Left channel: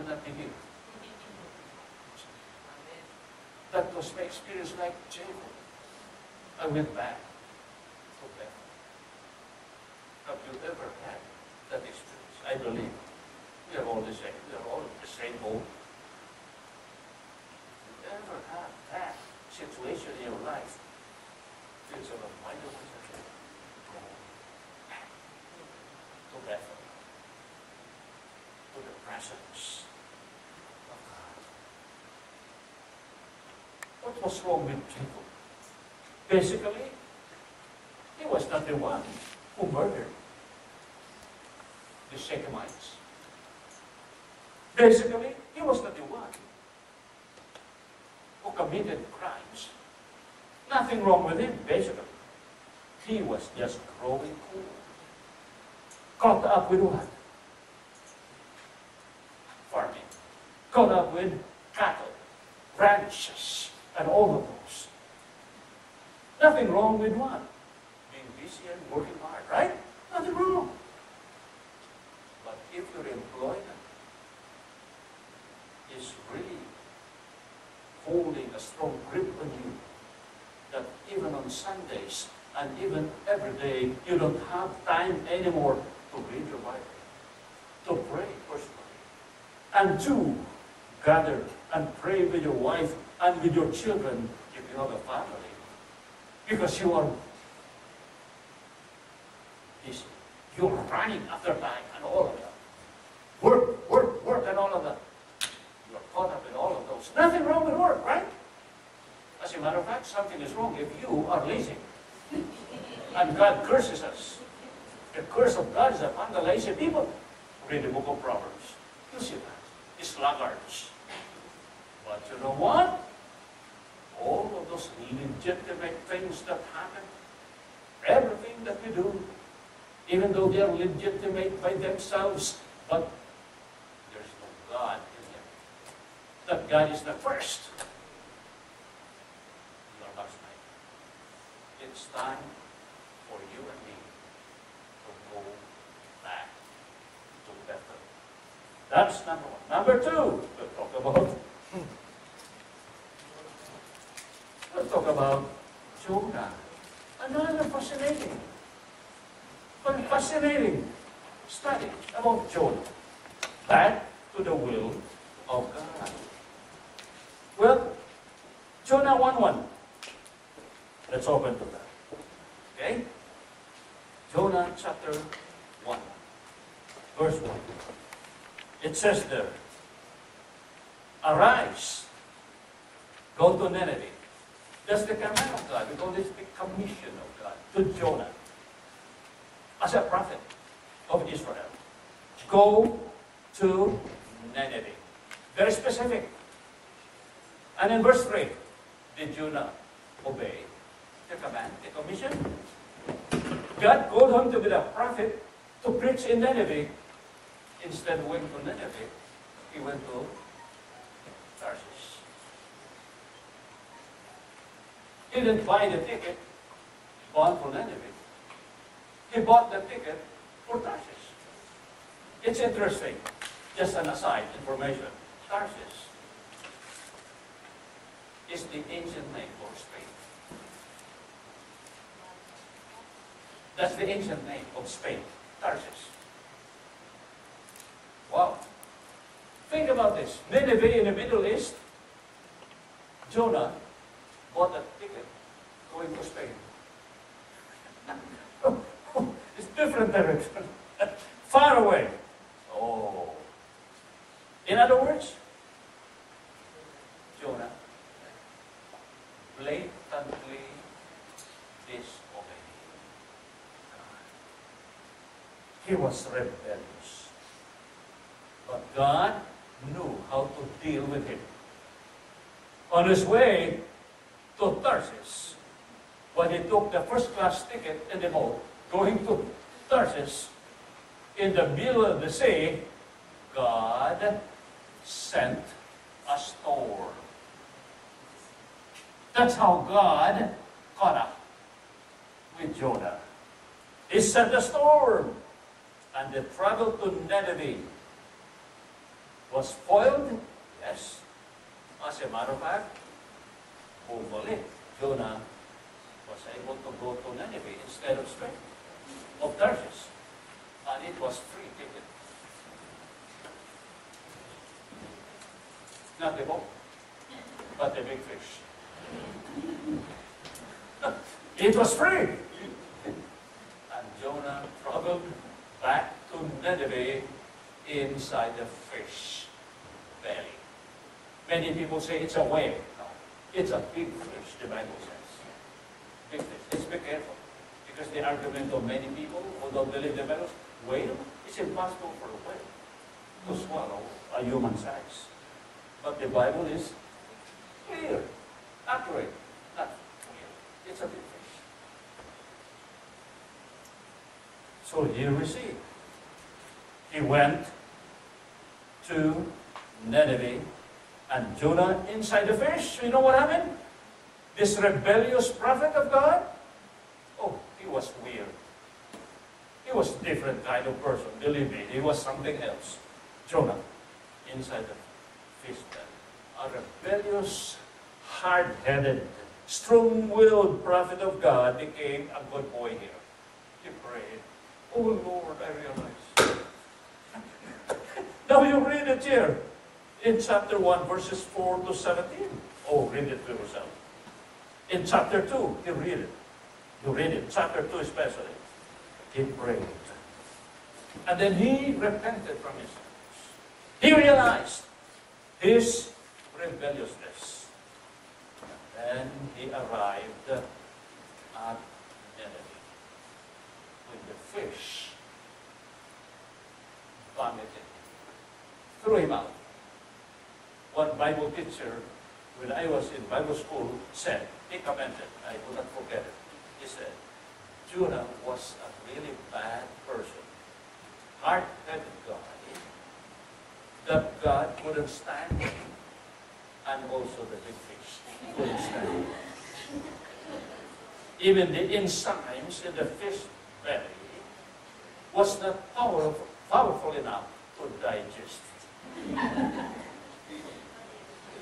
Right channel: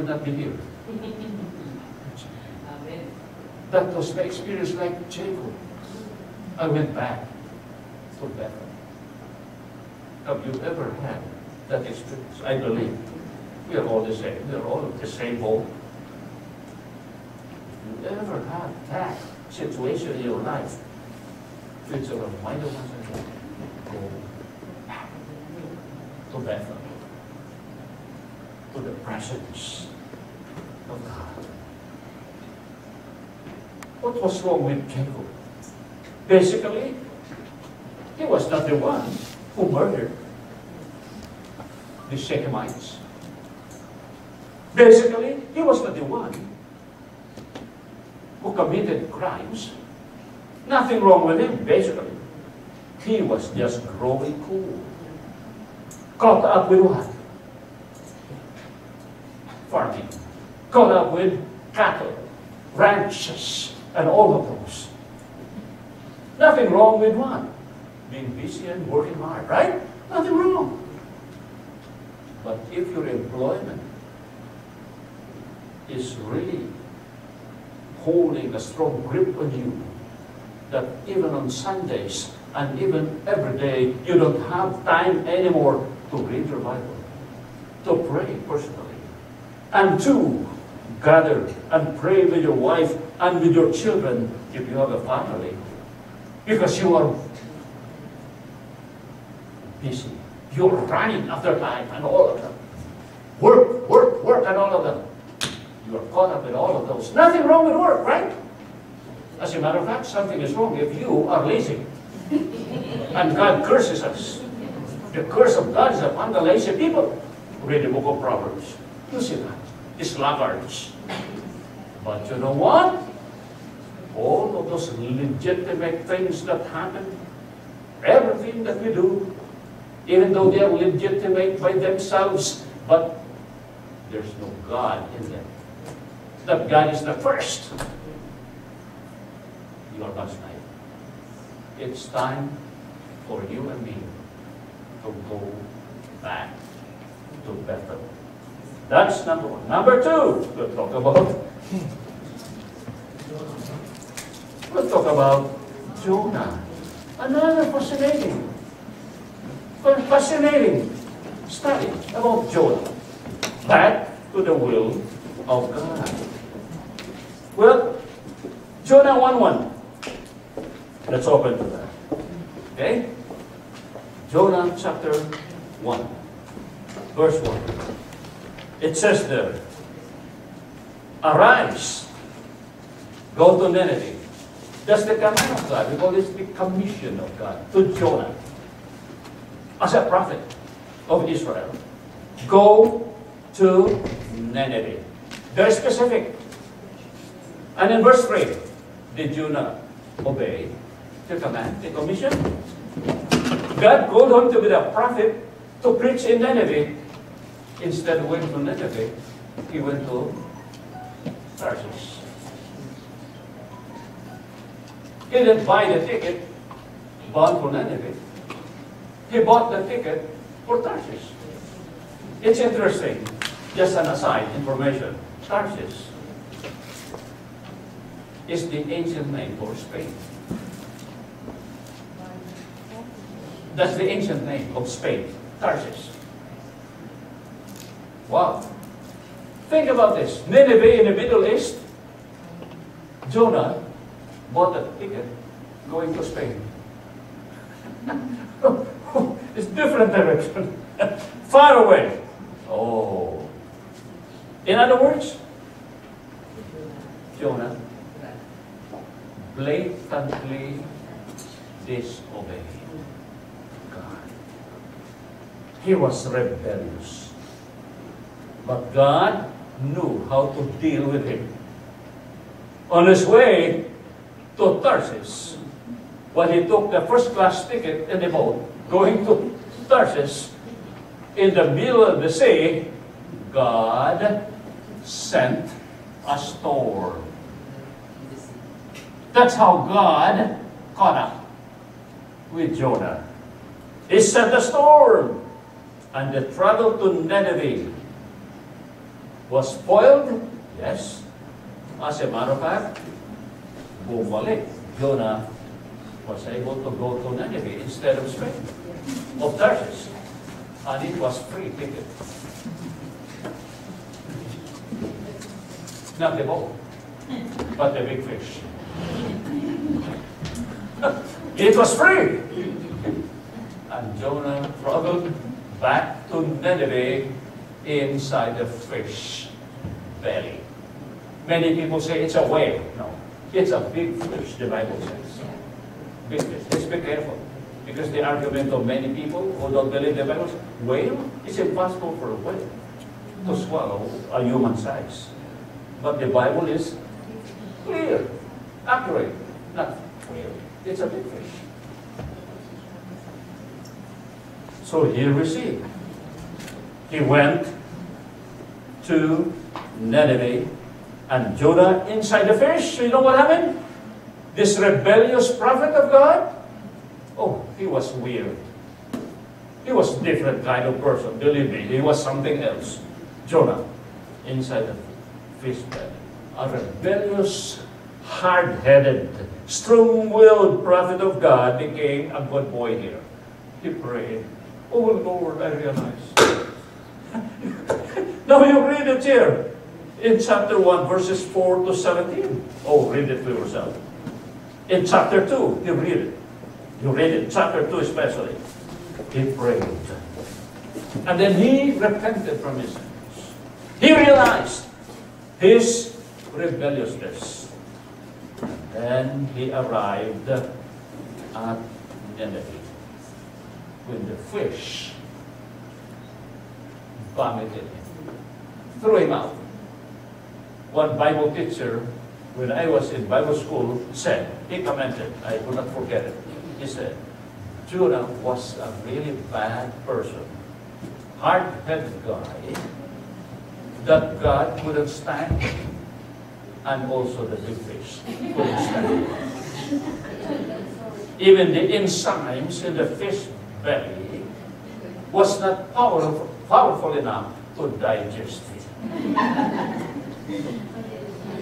will not be here. That was my experience like Jacob. I went back to Bethel. Have you ever had that experience? I believe we are all the same. We are all the same boat. If you ever had that situation in your life, it's a reminder once again, go back to Bethel, to the presence of God. What was wrong with Jacob? Basically, he was not the one who murdered the Shechemites. Basically, he was not the one who committed crimes. Nothing wrong with him, basically. He was just growing cool. Caught up with what? Farming. Caught up with cattle, ranches, and all of those. Nothing wrong with what? Being busy and working hard, right? Nothing wrong. But if your employment is really holding a strong grip on you, that even on Sundays and even every day, you don't have time anymore to read your Bible, to pray personally, and to gather and pray with your wife and with your children if you have a family, because you are busy. You're running after life and all of them. Work, work, work, and all of them. You are caught up in all of those. Nothing wrong with work, right? As a matter of fact, something is wrong if you are lazy. And God curses us. The curse of God is upon the lazy people. Read the book of Proverbs. You see that. The sluggards. But you know what? All of those legitimate things that happen, everything that we do, even though they are legitimate by themselves, but there's no God in them. That God is the first. You are God's life. It's time for you and me to go back to Bethel. That's number one. Number two, we'll talk about Jonah. Another fascinating study about Jonah. Back to the will of God. Well, Jonah 1:1. Let's open to that. Okay? Jonah chapter 1, verse 1. It says there, arise, go to Nineveh. That's the command of God. We call this the commission of God to Jonah as a prophet of Israel. Go to Nineveh. Very specific. And in verse 3, did Jonah obey the command, the commission? God called him to be the prophet to preach in Nineveh. Instead of going to Nineveh, he went to Tarsus. He didn't buy the ticket bound for Nineveh. He bought the ticket for Tarsus. It's interesting, just an aside information. Tarsus is the ancient name for Spain. That's the ancient name of Spain, Tarsus. Wow. Think about this. Nineveh in the Middle East. Jonah bought a ticket going to Spain. It's different direction. Far away. Oh. In other words, Jonah blatantly disobeyed God. He was rebellious. But God knew how to deal with him. On his way to Tarsus, when he took the first-class ticket in the boat, going to Tarsus, in the middle of the sea, God sent a storm. That's how God caught up with Jonah. He sent a storm, and they traveled to Nineveh. Was spoiled? Yes. As a matter of fact, bumalik. Jonah was able to go to Nineveh instead of Spain, of Tarshish. And it was free ticket. Not the boat, but the big fish. It was free. And Jonah traveled back to Nineveh inside the fish belly. Many people say it's a whale. No, it's a big fish, the Bible says. Big fish. Let's be careful. Because the argument of many people who don't believe the Bible, whale, it's impossible for a whale to swallow a human size. But the Bible is clear, accurate, not clear. It's a big fish. So here we see, he went to Nineveh, and Jonah inside the fish. You know what happened? This rebellious prophet of God, oh, he was weird. He was a different kind of person, believe me. He was something else. Jonah, inside the fish belly. A rebellious, hard-headed, strong-willed prophet of God became a good boy here. He prayed, oh Lord, I realize. Now you read it here in chapter 1, verses 4 to 17. Oh, read it for yourself. In chapter 2, you read it. You read it, chapter 2 especially. He prayed. And then he repented from his sins. He realized his rebelliousness. And then he arrived at Nineveh when the fish vomited him, threw him out. One Bible teacher, when I was in Bible school, said, he commented, I will not forget it. He said, Jonah was a really bad person, hard-headed guy, that God couldn't stand, and also the big fish couldn't stand. Even the enzymes in the fish belly was not powerful enough to digest it.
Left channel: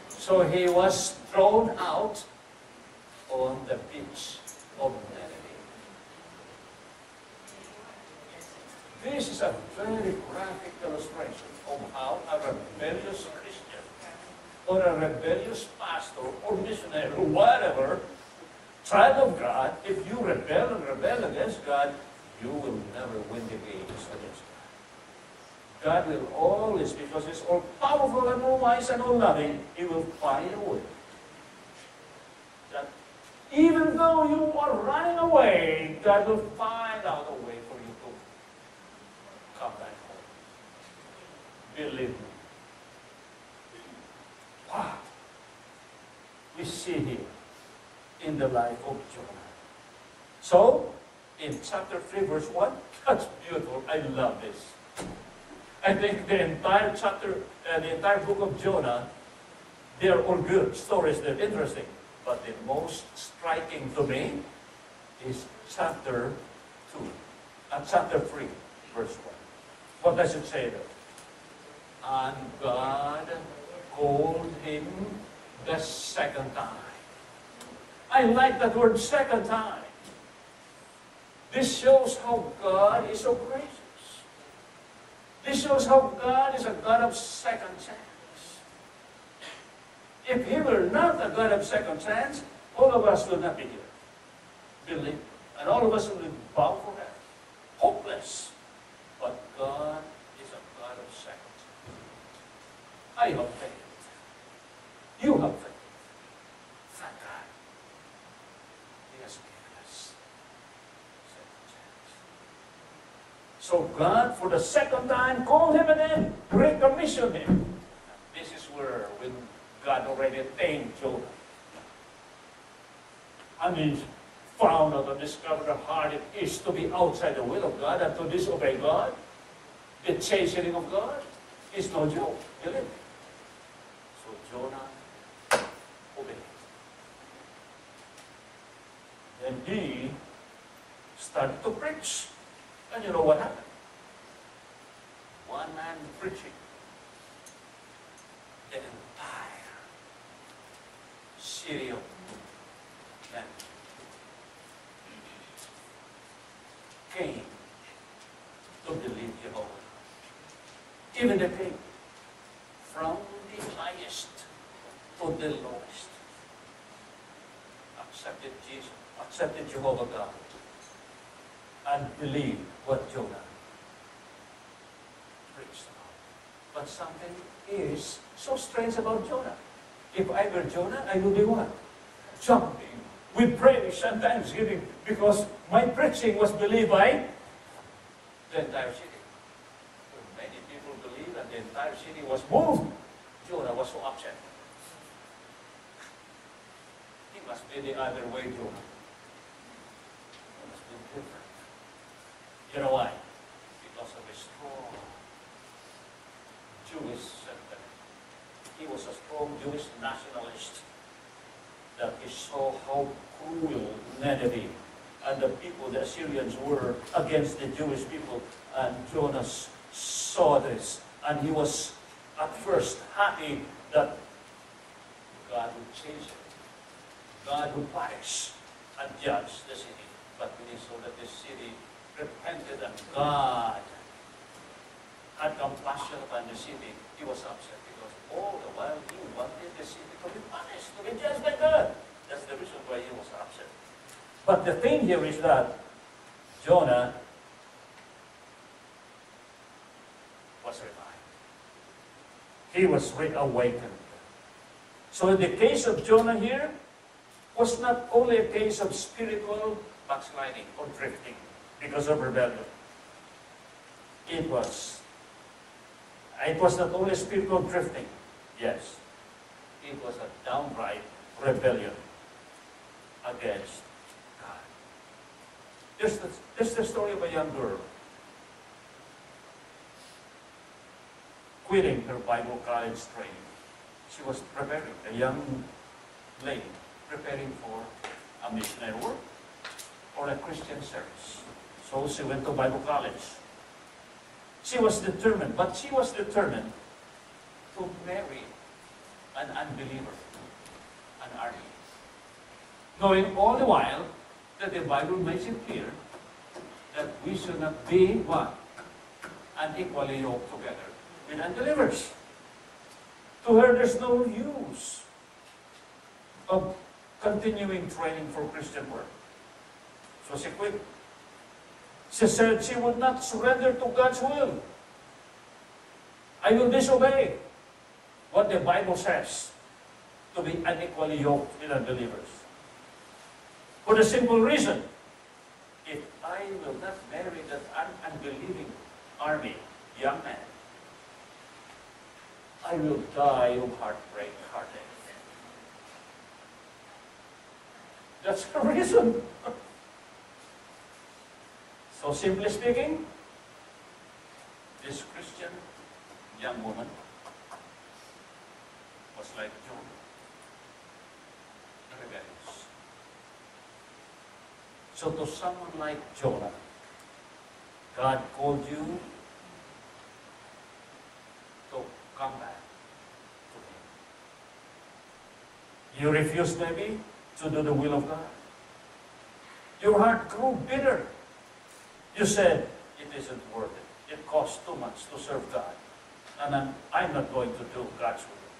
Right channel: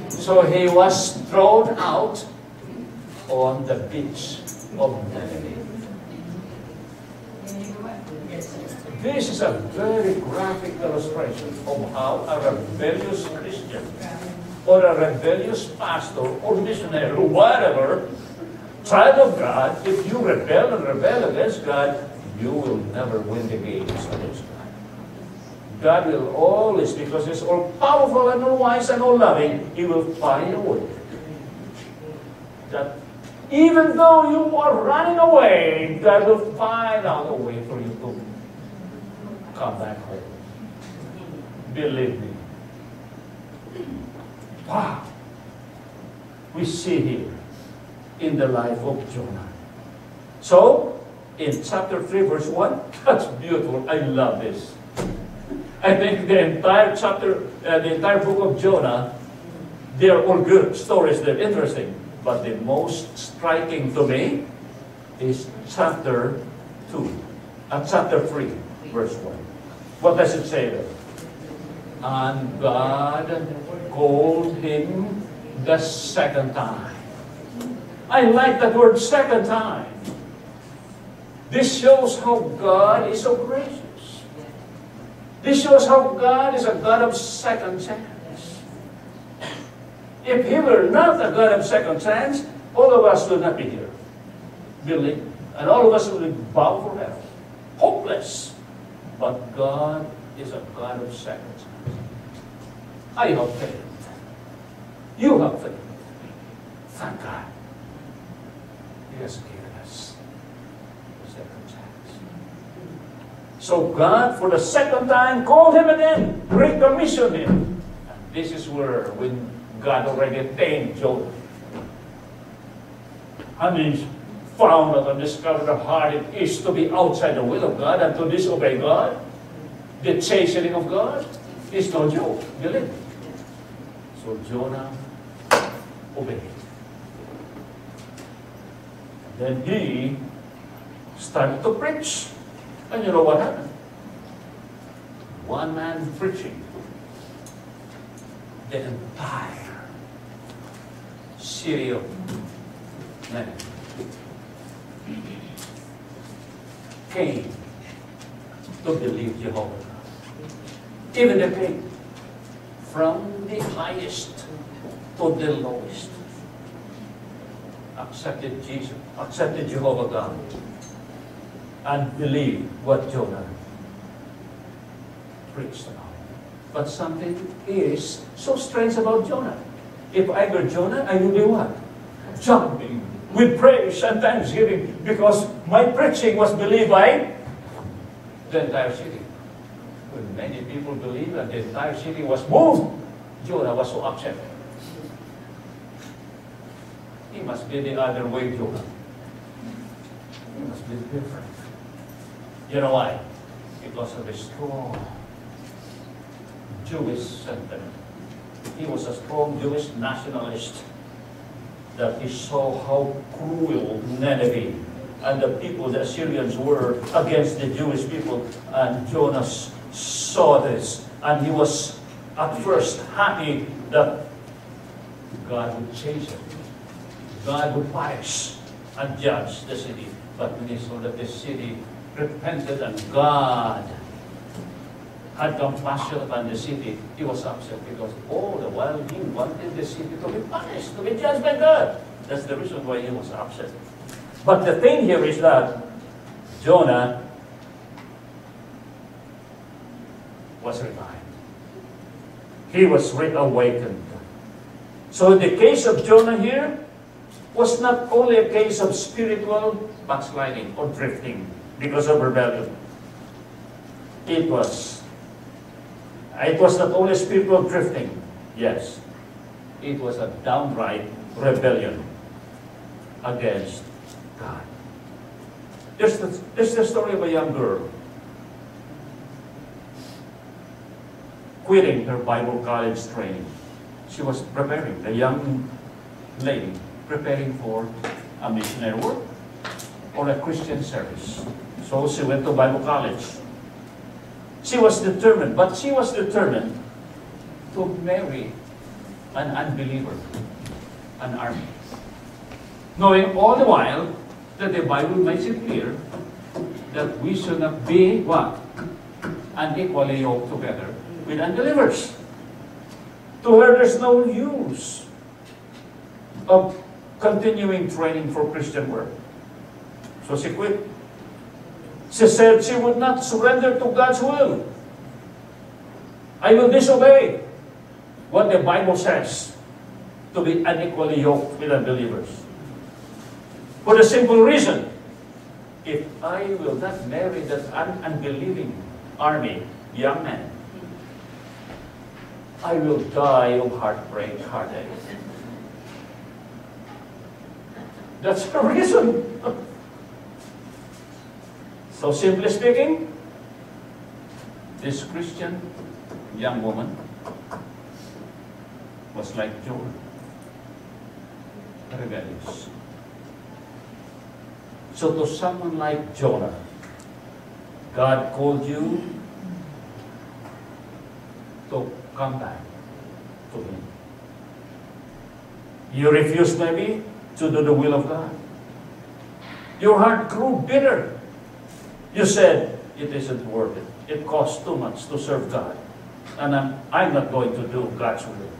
So he was thrown out on the beach of Nineveh. This is a very graphic illustration of how a rebellious Christian or a rebellious pastor or missionary or whatever, child of God, if you rebel and rebel against God, you will never win the games against God. God will always, because He's all powerful and all wise and all loving, He will find a way. That even though you are running away, God will find out a way for you to come back home. Believe me. Wow. We see here in the life of Jonah. So, in chapter 3, verse 1, that's beautiful. I love this. I think the entire chapter, the entire book of Jonah, they're all good stories, they're interesting. But the most striking to me is chapter 2, chapter 3, verse 1. What does it say there? And God called him the second time. I like that word, second time. This shows how God is so gracious. This shows how God is a God of second chance. If He were not a God of second chance, all of us would not be here. Believe me. And all of us would bow for hell. Hopeless. But God is a God of second chance. I have faith. You have faith. Thank God. He has given us a second chance. So God, for the second time, called him again, recommissioned him. And this is where, when God already tamed Jonah, and he found out and discovered how hard it is to be outside the will of God and to disobey God, the chastening of God is no joke, believe me. So Jonah obeyed. Then he started to preach. And you know what happened? One man preaching the entire city of Nineveh came to believe Jehovah. Even the king, from the highest to the lowest, accepted Jesus, accepted Jehovah God, and believed what Jonah preached about. But something is so strange about Jonah. If I were Jonah, I would be what? Jumping with praise and thanksgiving, because my preaching was believed by the entire city. When many people believed and the entire city was moved, Jonah was so upset. He must be the other way, Jonah. He must be different. You know why? Because of a strong Jewish sentiment. He was a strong Jewish nationalist, that he saw how cruel Nineveh and the people, the Assyrians, were against the Jewish people. And Jonah saw this, and he was at first happy that God would change it. God would punish and judge the city. But when he saw that the city repented and God had compassion upon the city, he was upset, because all the while he wanted the city to be punished, to be judged by God. That's the reason why he was upset. But the thing here is that Jonah was revived. He was reawakened. So the case of Jonah here was not only a case of spiritual backsliding or drifting because of rebellion. It was not only spiritual drifting, yes. It was a downright rebellion against God. There's the story of a young girl quitting her Bible college training. She was preparing, a young lady, preparing for a missionary work or a Christian service. So she went to Bible college. She was determined, but she was determined to marry an unbeliever, an army. Knowing all the while that the Bible makes it clear that we should not be what? Unequally yoked together with unbelievers. To her, there's no use of continuing training for Christian work. So she quit. She said she would not surrender to God's will. I will disobey what the Bible says, to be unequally yoked with unbelievers. For the simple reason, if I will not marry that unbelieving army, young man, I will die of heartbreak, heartache. That's the reason. So simply speaking, this Christian young woman was like Jonah, rebellious. So to someone like Jonah, God called you to come back to Him. You refused maybe to do the will of God. Your heart grew bitter. You said, it isn't worth it. It costs too much to serve God. And I'm not going to do God's will.